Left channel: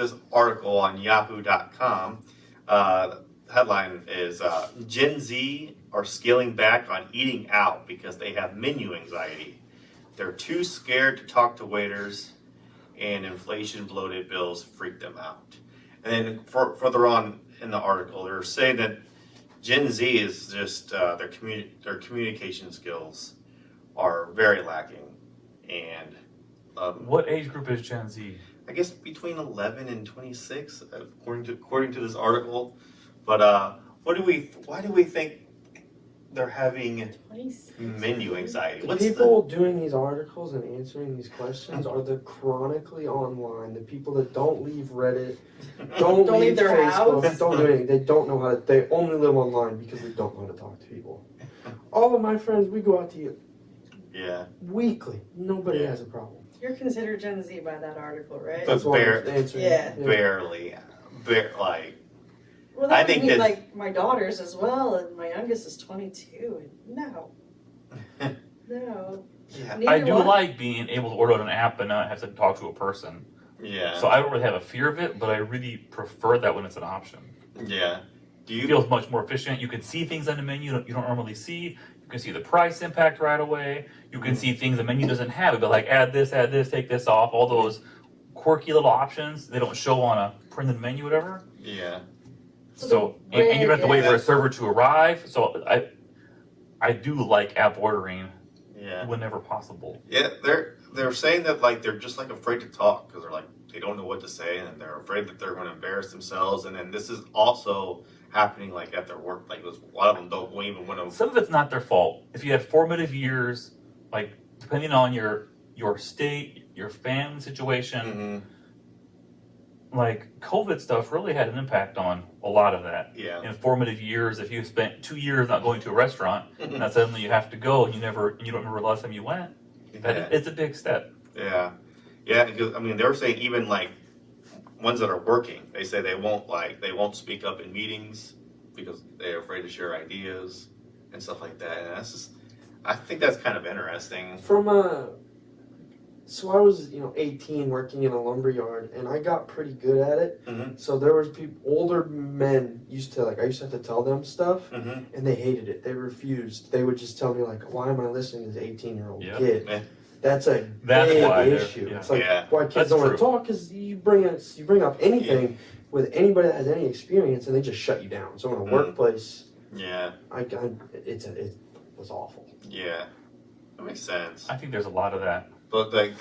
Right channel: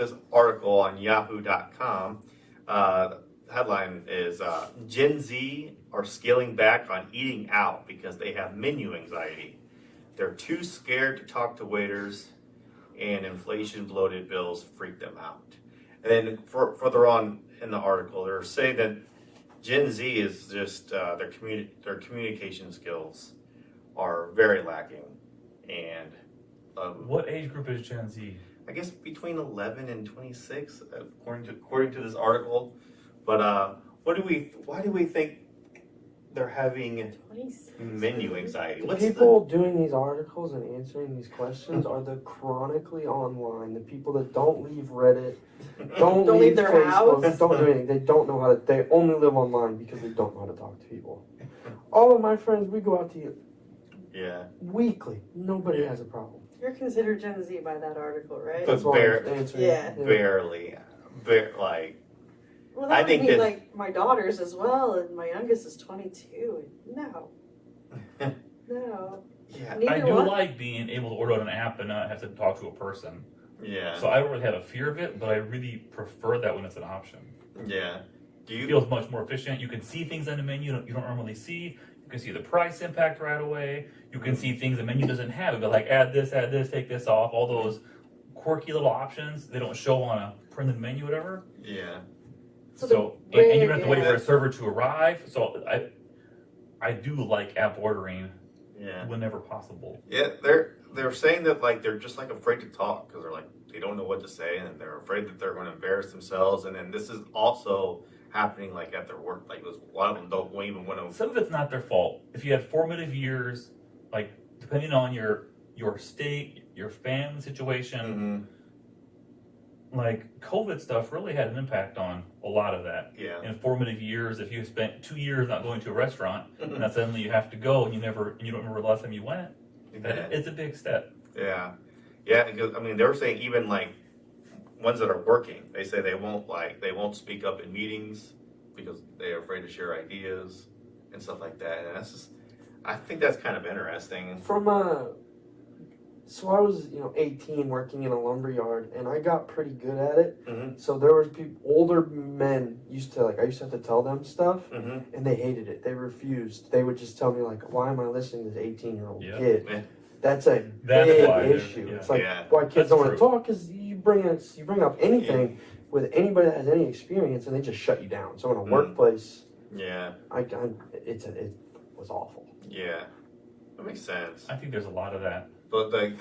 this article on Yahoo.com. The headline is Gen Z are scaling back on eating out because they have menu anxiety. They're too scared to talk to waiters, and inflation bloated bills freak them out. And then further on in the article, they're saying that Gen Z is just their communication skills are very lacking, and what age group is Gen Z? I guess between 11 and 26, according to this article. But why do we think they're having menu anxiety? The people doing these articles and answering these questions are the chronically online, the people that don't leave Reddit, don't leave their Facebook, house. don't do anything. They don't know how to. They only live online because they don't know how to talk to people. All of my friends, we go out to eat weekly. Nobody has a problem. You're considered Gen Z by that article, right? But Yeah. like. Well, that I would think be that like my daughters as well, and my youngest is 22. No. Yeah. Neither I do one. like being able to order on an app and not have to talk to a person. Yeah. So I don't really have a fear of it, but I really prefer that when it's an option. Yeah. It feels much more efficient. You can see things on the menu that you don't normally see. You can see the price impact right away. You can see things the menu doesn't have. But like add this, take this off. All those quirky little options they don't show on a printed menu, whatever. Yeah. So and you don't have to wait for a server to arrive. So I do like app ordering. Yeah. Whenever possible. Yeah, they're saying that like they're just like afraid to talk because they're like they don't know what to say and they're afraid that they're going to embarrass themselves. And then this is also happening like at their work. Like a lot of them don't even want to. Some of it's not their fault. If you had formative years, like depending on your state, your family situation, like COVID stuff really had an impact on a lot of that. Yeah. In formative years, if you spent 2 years not going to a restaurant, and then suddenly you have to go, and you don't remember the last time you went, it's a big step. Yeah. Yeah, because I mean they were saying even like ones that are working, they say they won't speak up in meetings because they're afraid to share ideas and stuff like that. And that's just, I think that's kind of interesting. So I was, 18 working in a lumber yard, and I got pretty good at it. So there was older men I used to have to tell them stuff, and they hated it. They refused. They would just tell me like, "Why am I listening to this 18-year-old kid?" That's a big issue. Yeah. It's like why kids don't want to talk because you bring up anything with anybody that has any experience, and they just shut you down. So in a workplace, it was awful. Yeah, that makes sense. I think there's a lot of that. But they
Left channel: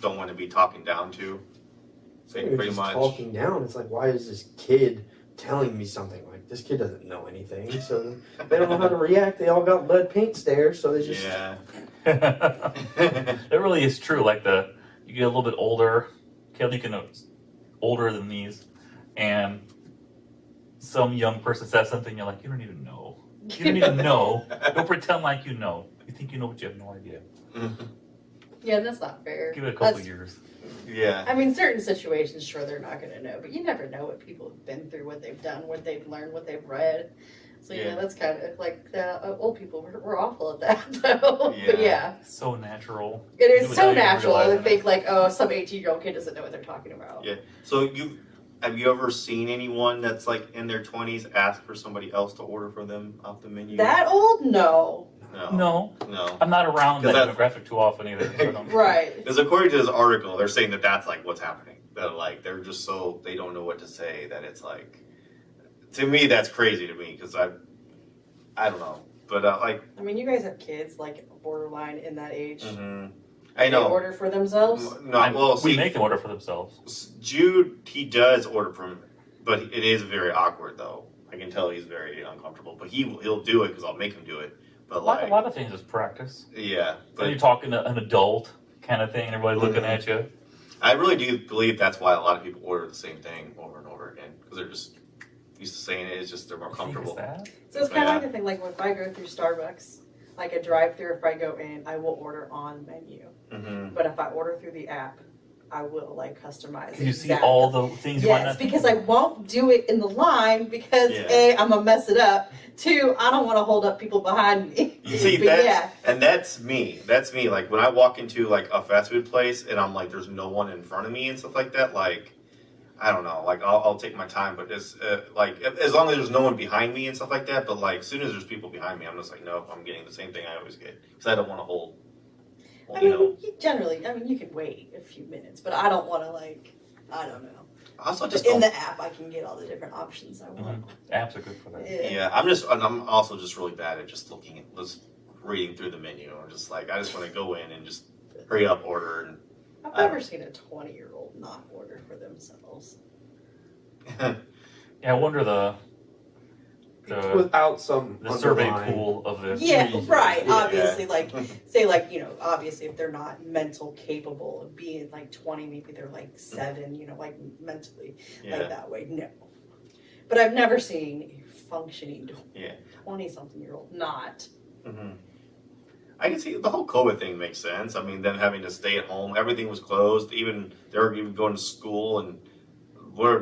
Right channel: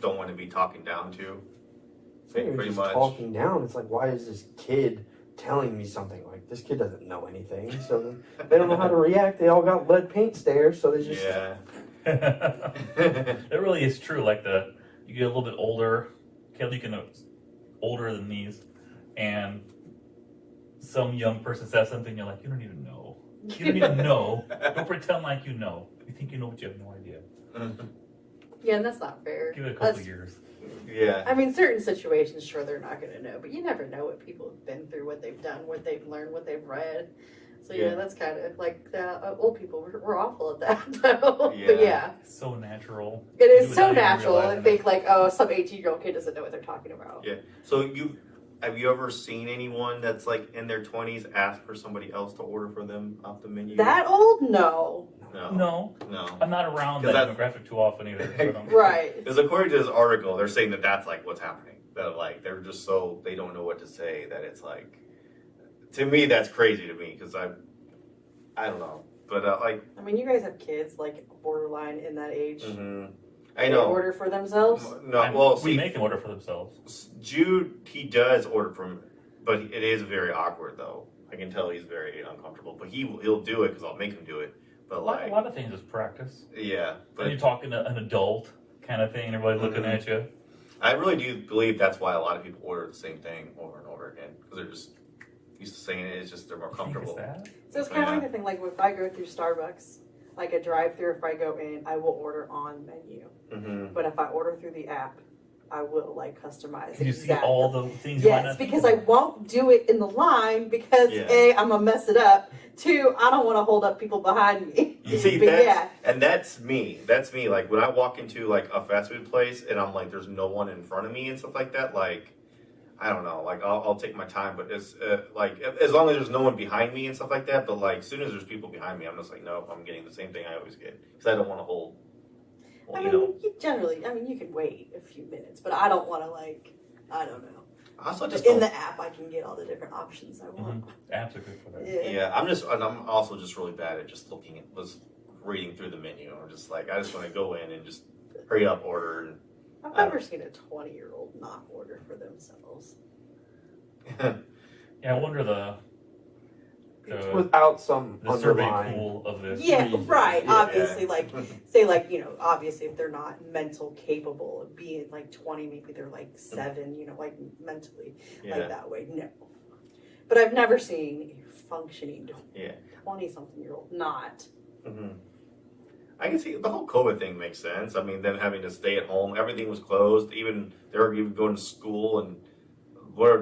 don't want to be talking down to. Pretty much talking down. It's like, why is this kid telling me something? Like, this kid doesn't know anything, so they don't know how to react. They all got lead paint stares, so they just It really is true. Like you get a little bit older, Kelly, older than these, and some young person says something, you're like, you don't even know. You don't even know. Don't pretend like you know. You think you know, but you have no idea. Yeah, and that's not fair. Give it a couple years. Yeah. I mean, certain situations, sure, they're not going to know, but you never know what people have been through, what they've done, what they've learned, what they've read. So, that's kind of like old people. We're awful at that, though. Yeah. But So natural. It is so natural to think like, oh, some 18-year-old kid doesn't know what they're talking about. Yeah. So have you ever seen anyone that's like in their 20s ask for somebody else to order for them off the menu? That old? No. No. I'm not around that demographic too often either. So Right. Because according to this article, they're saying that that's like what's happening. That like they're just so they don't know what to say. That it's like, to me, that's crazy to me because I don't know. But I mean, you guys have kids like borderline in that age. I know. They order for themselves. We make them order for themselves. Jude, he does order from, but it is very awkward though. I can tell he's very uncomfortable. But he'll do it because I'll make him do it. But a lot of things is practice. Yeah. But you're talking to an adult kind of thing, and everybody looking at you. I really do believe that's why a lot of people order the same thing over and over again because they're just used to saying it. It's just they're more comfortable. So it's kind of like the thing, like if I go through Starbucks, like a drive-through, if I go in, I will order on menu. But if I order through the app, I will like customize. Can you see all the things you might Yes, not think because I about? won't do it in the line because Yeah. A, I'm gonna mess it up. Two, I don't want to hold up people behind me. You see But that, yeah. and that's me. That's me. Like when I walk into like a fast food place and I'm like, there's no one in front of me and stuff like that. Like I don't know. Like I'll take my time, but it's like as long as there's no one behind me and stuff like that. But like as soon as there's people behind me, I'm just like, nope, I'm getting the same thing I always get because I don't want to hold. I You mean, know. generally, I mean, you can wait a few minutes, but I don't want to like, I don't know. I also just In don't. the app, I can get all the different options I want. Apps are good for that. Yeah. Yeah, I'm also just really bad at just looking at, just reading through the menu. I'm just like, I just want to go in and just hurry up, order, and I've I don't never seen a 20-year-old not order for themselves. Yeah, I wonder the Without some survey underlying- pool of this. Yeah, reason. right. Yeah. Obviously, like, say, like, you know, obviously, if they're not mental capable of being like 20, maybe they're like 7, you know, like mentally, yeah. like that way. No. But I've never seen a functioning Yeah. 20-something-year-old not. hmm I can see the whole COVID thing makes sense. I mean, them having to stay at home, everything was closed. Even they were even going to school, and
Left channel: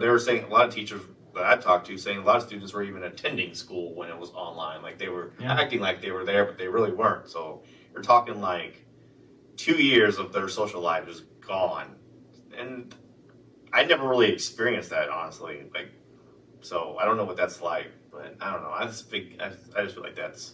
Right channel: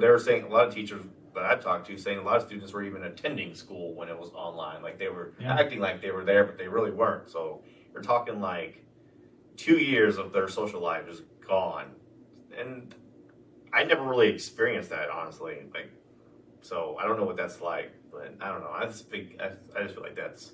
they were saying a lot of teachers that I talked to saying a lot of students were even attending school when it was online. Like they were acting like they were there, but they really weren't. So you're talking like 2 years of their social life is gone, and I never really experienced that honestly. Like, so I don't know what that's like, but I don't know. I just feel like that's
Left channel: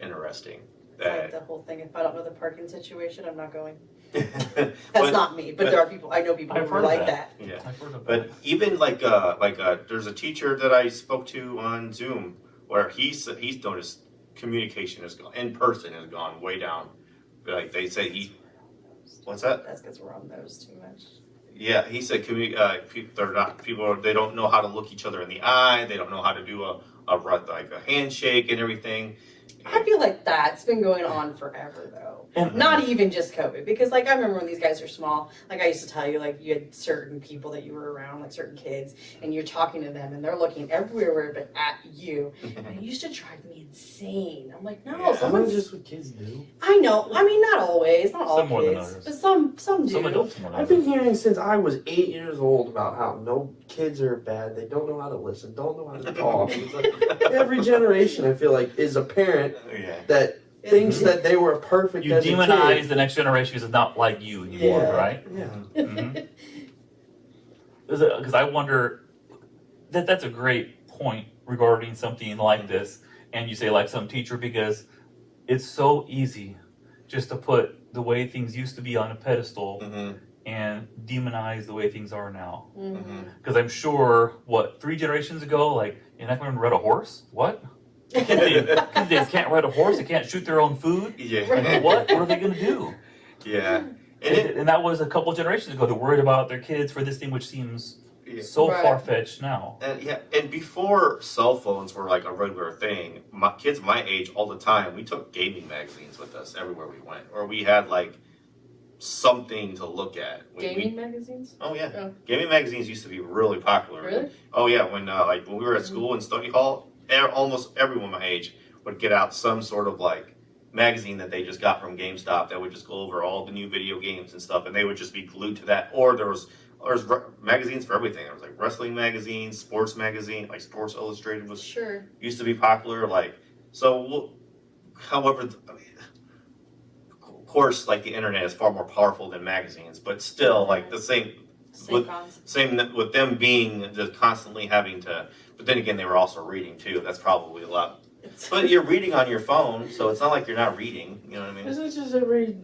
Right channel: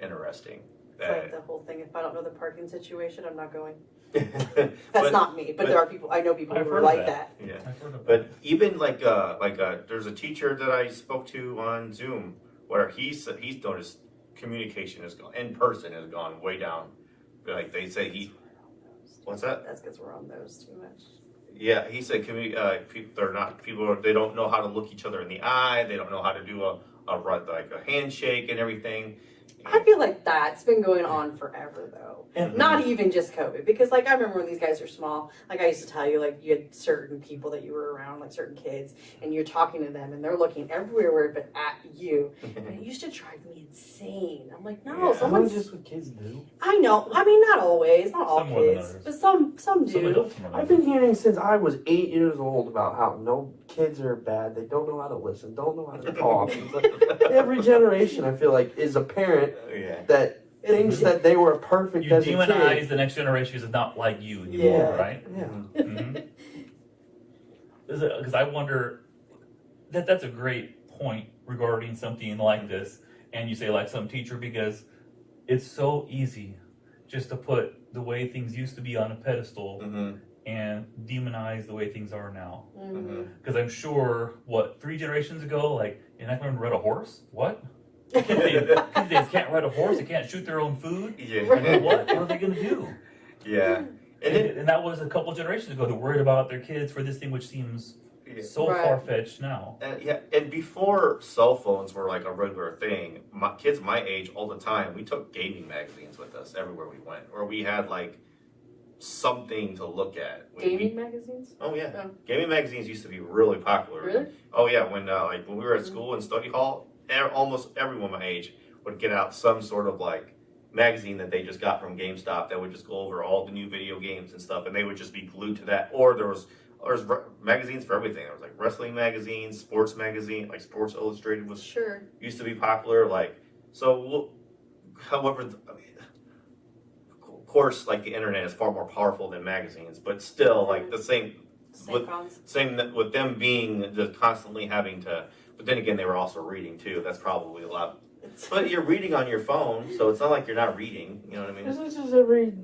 interesting. It's like the whole thing. If I don't know the parking situation, I'm not going. That's But- not me, but there are people. I know people I've who heard are like that. that. Yeah. I've heard of But even like there's a teacher that I spoke to on Zoom where he's noticed communication has gone in person has gone way down. Like they say what's that? That's because we're on those too much. Yeah, he said they don't know how to look each other in the eye. They don't know how to do a handshake and everything. I feel like that's been going on forever, though. And- Not even just COVID, because like I remember when these guys were small. Like I used to tell you, like you had certain people that you were around, like certain kids, and you're talking to them, and they're looking everywhere but at you. And it used to drive me insane. I'm like, no, Yeah. That's someone's. just what kids do. I know. I mean, not always, not all Some more than kids, others. but some do. Some adults more than I've others. been hearing since I was 8 years old about how no kids are bad. They don't know how to listen, don't know how to talk. It's like every generation, I feel like, is a parent Yeah. that thinks that they were perfect You as a demonize kid. the next generation because it's not like you anymore, Yeah. right? Yeah. Mm-hmm. Because I wonder that's a great point regarding something like this, and you say like some teacher because it's so easy just to put the way things used to be on a pedestal Mm-hmm. and demonize the way things are now. Mm-hmm. Because I'm sure 3 generations ago, like you're not going to ride a horse? What? Kids can't ride a horse. They can't shoot their own food. Yeah. Like, what are they going to do? Yeah. And And that was a couple generations ago. They're worried about their kids for this thing, which seems Yeah. so Right. far fetched now. Yeah, and before cell phones were like a regular thing, kids my age all the time, we took gaming magazines with us everywhere we went, or we had like something to look at. Gaming magazines. Oh yeah, Oh. gaming magazines used to be really popular. Really? Oh yeah, when we were at school in study hall, almost everyone my age would get out some sort of like magazine that they just got from GameStop that would just go over all the new video games and stuff, and they would just be glued to that. Or there was magazines for everything. There was like wrestling magazines, sports magazine, like Sports Illustrated was Sure. used to be popular. Like so, however, I mean, of course, like the internet is far more powerful than magazines, but still, like the same same with them being just constantly having to. But then again, they were also reading too. That's probably a lot. But you're reading on your phone, so it's not like you're not reading. You know what I mean? Isn't it just every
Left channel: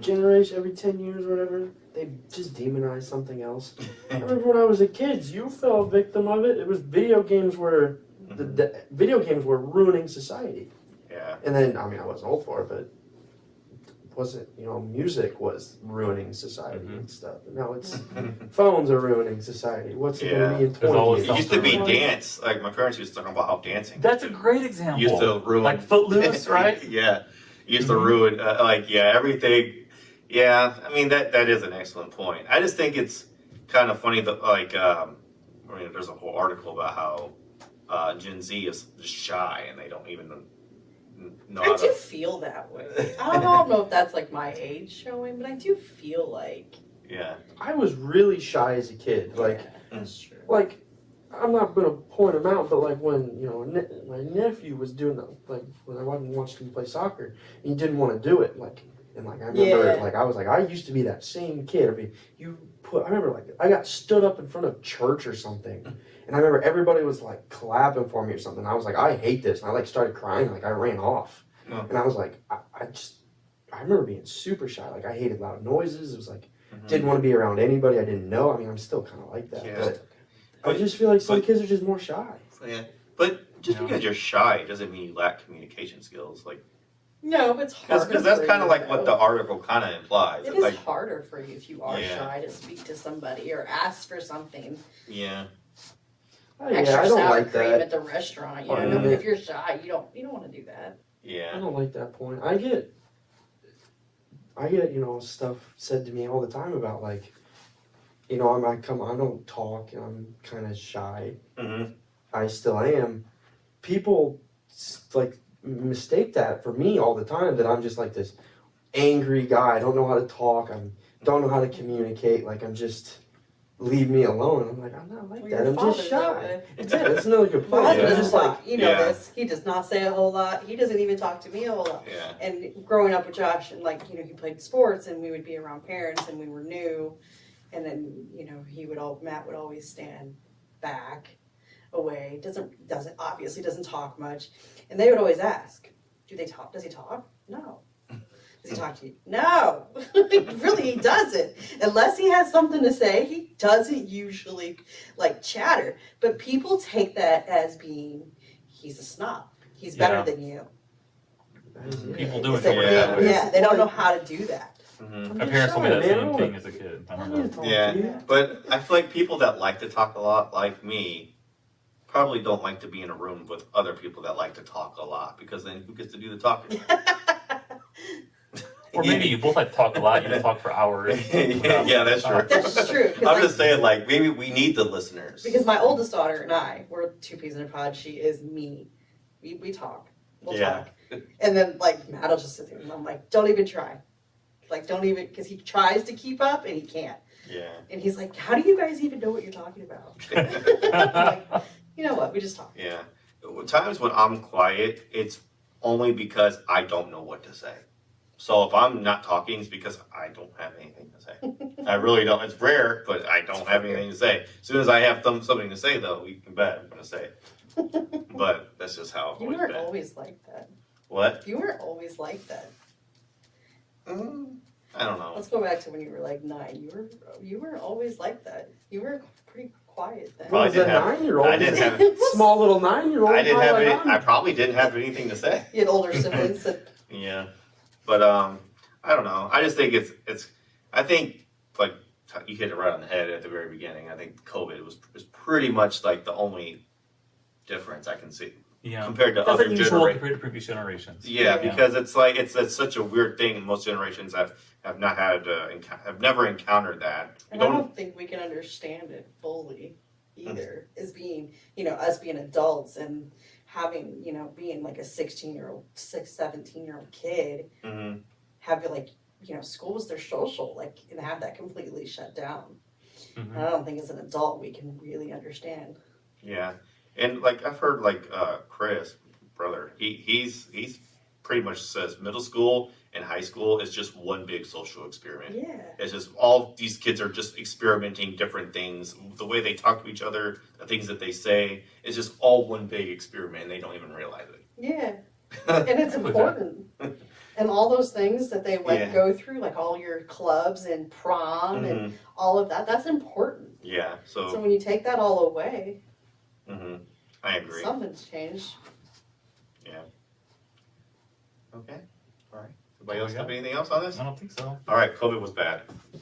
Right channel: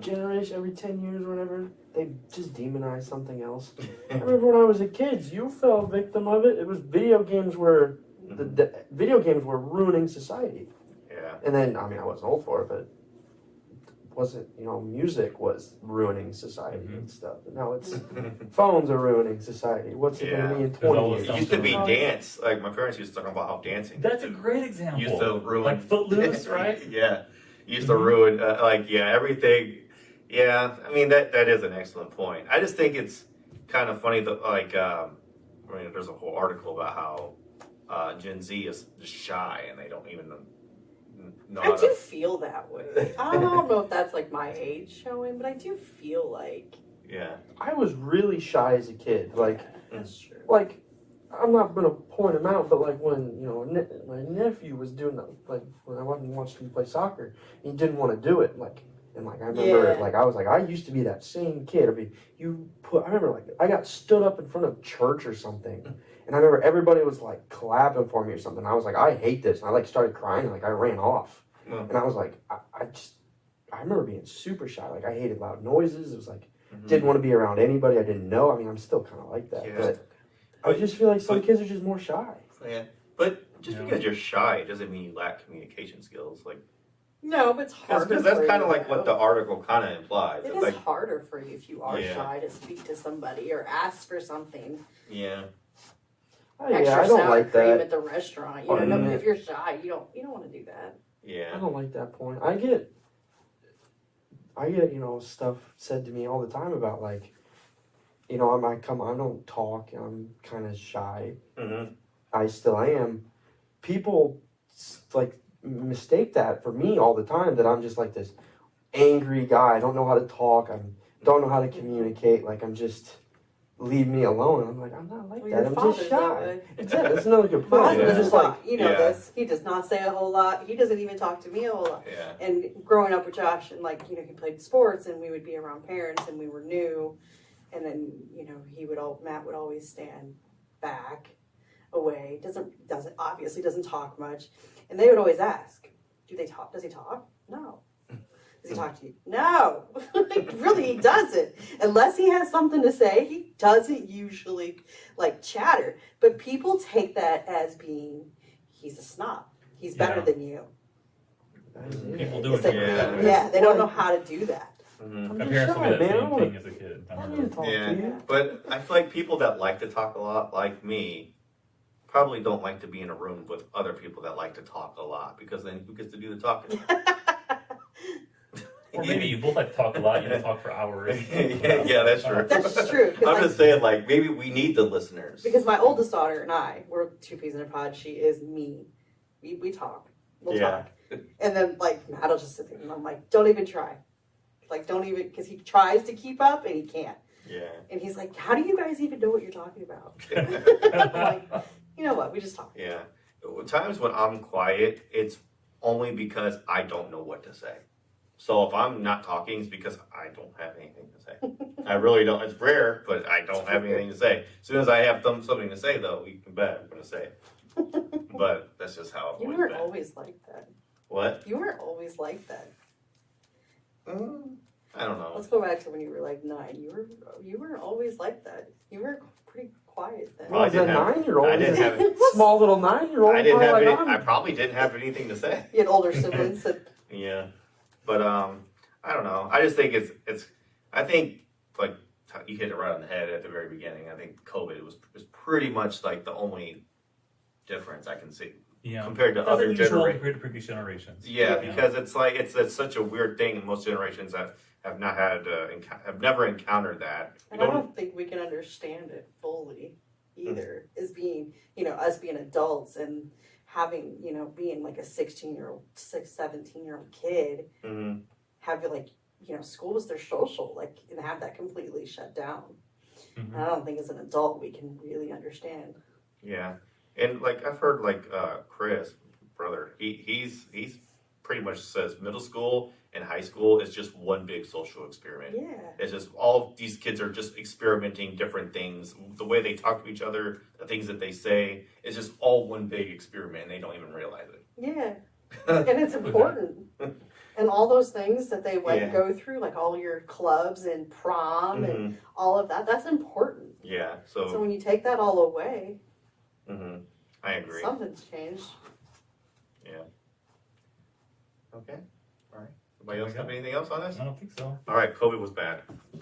generation, every 10 years or whatever, they just demonize something else? I remember when I was a kid, you fell victim of it. It was video games were the video games were ruining society. Yeah. And then, I mean, I wasn't old for it, but wasn't, music was ruining society and stuff. Now it's phones are ruining society. What's it going to be in There's 20 always years? It used to be Something. dance. Like my parents used to talk about how dancing That's a great example. used to ruin, Like Footloose, right? Yeah, used to ruin everything. Yeah, I mean that is an excellent point. I just think it's kind of funny that there's a whole article about how Gen Z is just shy and they don't even know I how do to. feel that way. I don't know if that's like my age showing, but I do feel like Yeah. I was really shy as a kid. Like, That's true. like I'm not gonna point him out, but like when my nephew was doing that, like when I wasn't watching him play soccer, he didn't want to do it. Like, and like I remember, Yeah. like I was like I used to be that same kid. I mean, I remember like I got stood up in front of church or something, and I remember everybody was like clapping for me or something. I was like, I hate this, and I like started crying. Like I ran off, Oh. and I was like, I remember being super shy. Like I hated loud noises. It was like Mhm. didn't want to be around anybody I didn't know. I mean, I'm still kind of like that, Yeah. but I just feel like some but- kids are just more shy. Yeah. But just Yeah. because you're shy doesn't mean you lack communication skills. Like, No, but it's harder. because that's for kind of you, like what though. the article kind of implies. It It's is like, harder for you if you are Yeah. shy to speak to somebody or ask for something. yeah. Oh, Extra yeah, I don't sour like cream that. at the restaurant. You Or know, Mm. if you're shy, you don't want to do that. I Yeah. don't like that point. I get stuff said to me all the time about like, I don't talk, and I'm kind of shy. Mm-hmm. I still am. People like mistake that for me all the time, that I'm just like this angry guy. I don't know how to talk. I don't know how to communicate. Like I'm just leave me alone. I'm like I'm not like Well, that. your I'm father's just that shy. way. Exactly. That's another good My point. husband Yeah. It's doesn't just like talk. You know Yeah. this. He does not say a whole lot. He doesn't even talk to me a whole lot. Yeah. And growing up with Josh, and like he played sports, and we would be around parents, and we were new, and then Matt would always stand back, away. Doesn't obviously doesn't talk much, and they would always ask, "Do they talk? Does he talk? No. Does he talk to you? No. Really, he doesn't. Unless he has something to say, he doesn't usually like chatter. But people take that as being he's a snob. He's better Yeah. than you. People do It's like, Yeah. yeah, they don't know how to do that. Mm-hmm. My parents told me shy, that man. I same wanna- thing as a kid. I I don't need to know. talk Yeah. to you. But I feel like people that like to talk a lot, like me, probably don't like to be in a room with other people that like to talk a lot, because then who gets to do the talking? Or maybe you both like to talk a lot. You just talk for hours. Yeah, that's true. That's true. 'Cause, I'm like, just saying, like, maybe we need the listeners. because my oldest daughter and I, we're two peas in a pod. She is me. We talk. We'll Yeah. talk. And then like Matt'll just sit there, and I'm like, don't even try. Like, don't even, because he tries to keep up and he can't. Yeah. And he's like, how do you guys even know what you're talking about? I'm like, you know what? We just talk. Yeah. Times when I'm quiet, it's only because I don't know what to say. So if I'm not talking, it's because I don't have anything to say. I really don't. It's rare, but I don't have anything to say. As soon as I have something to say, though, you can bet I'm going to say it. But that's just how I've You always weren't been. always like that. What? You weren't always like that. I don't know. Let's go back to when you were like 9. You weren't always like that. You were pretty quiet then. Well, I Well, didn't a have- 9-year-old. I didn't have Small little 9-year-old. I didn't have like any. I'm- I probably didn't have anything to say. You had older siblings that Yeah, but I don't know. I just think it's. I think like you hit it right on the head at the very beginning. I think COVID was pretty much like the only difference I can see Yeah. compared to That's other unusual generations. compared to previous generations. Yeah, Yeah. because it's like it's such a weird thing, and most generations have not had have never encountered that. We and I don't. don't think we can understand it fully either, as being, us being adults and having, being like a 17-year-old kid, Mhm. have it like, school was their social, like, and have that completely shut down. Mhm. And I don't think as an adult we can really understand. Yeah, and like I've heard like Chris, brother, he's pretty much says middle school and high school is just one big social experiment. Yeah. It's just all these kids are just experimenting different things. The way they talk to each other, the things that they say, it's just all one big experiment, and they don't even realize it. Yeah. And it's important. And all those things that they Yeah. go through, like all your clubs and prom and Mhm. all of that, that's important. Yeah, So so when you take that all away, I agree. something's changed. Okay, all right. Anybody else have anything else on this? I don't think so. All right, COVID was bad.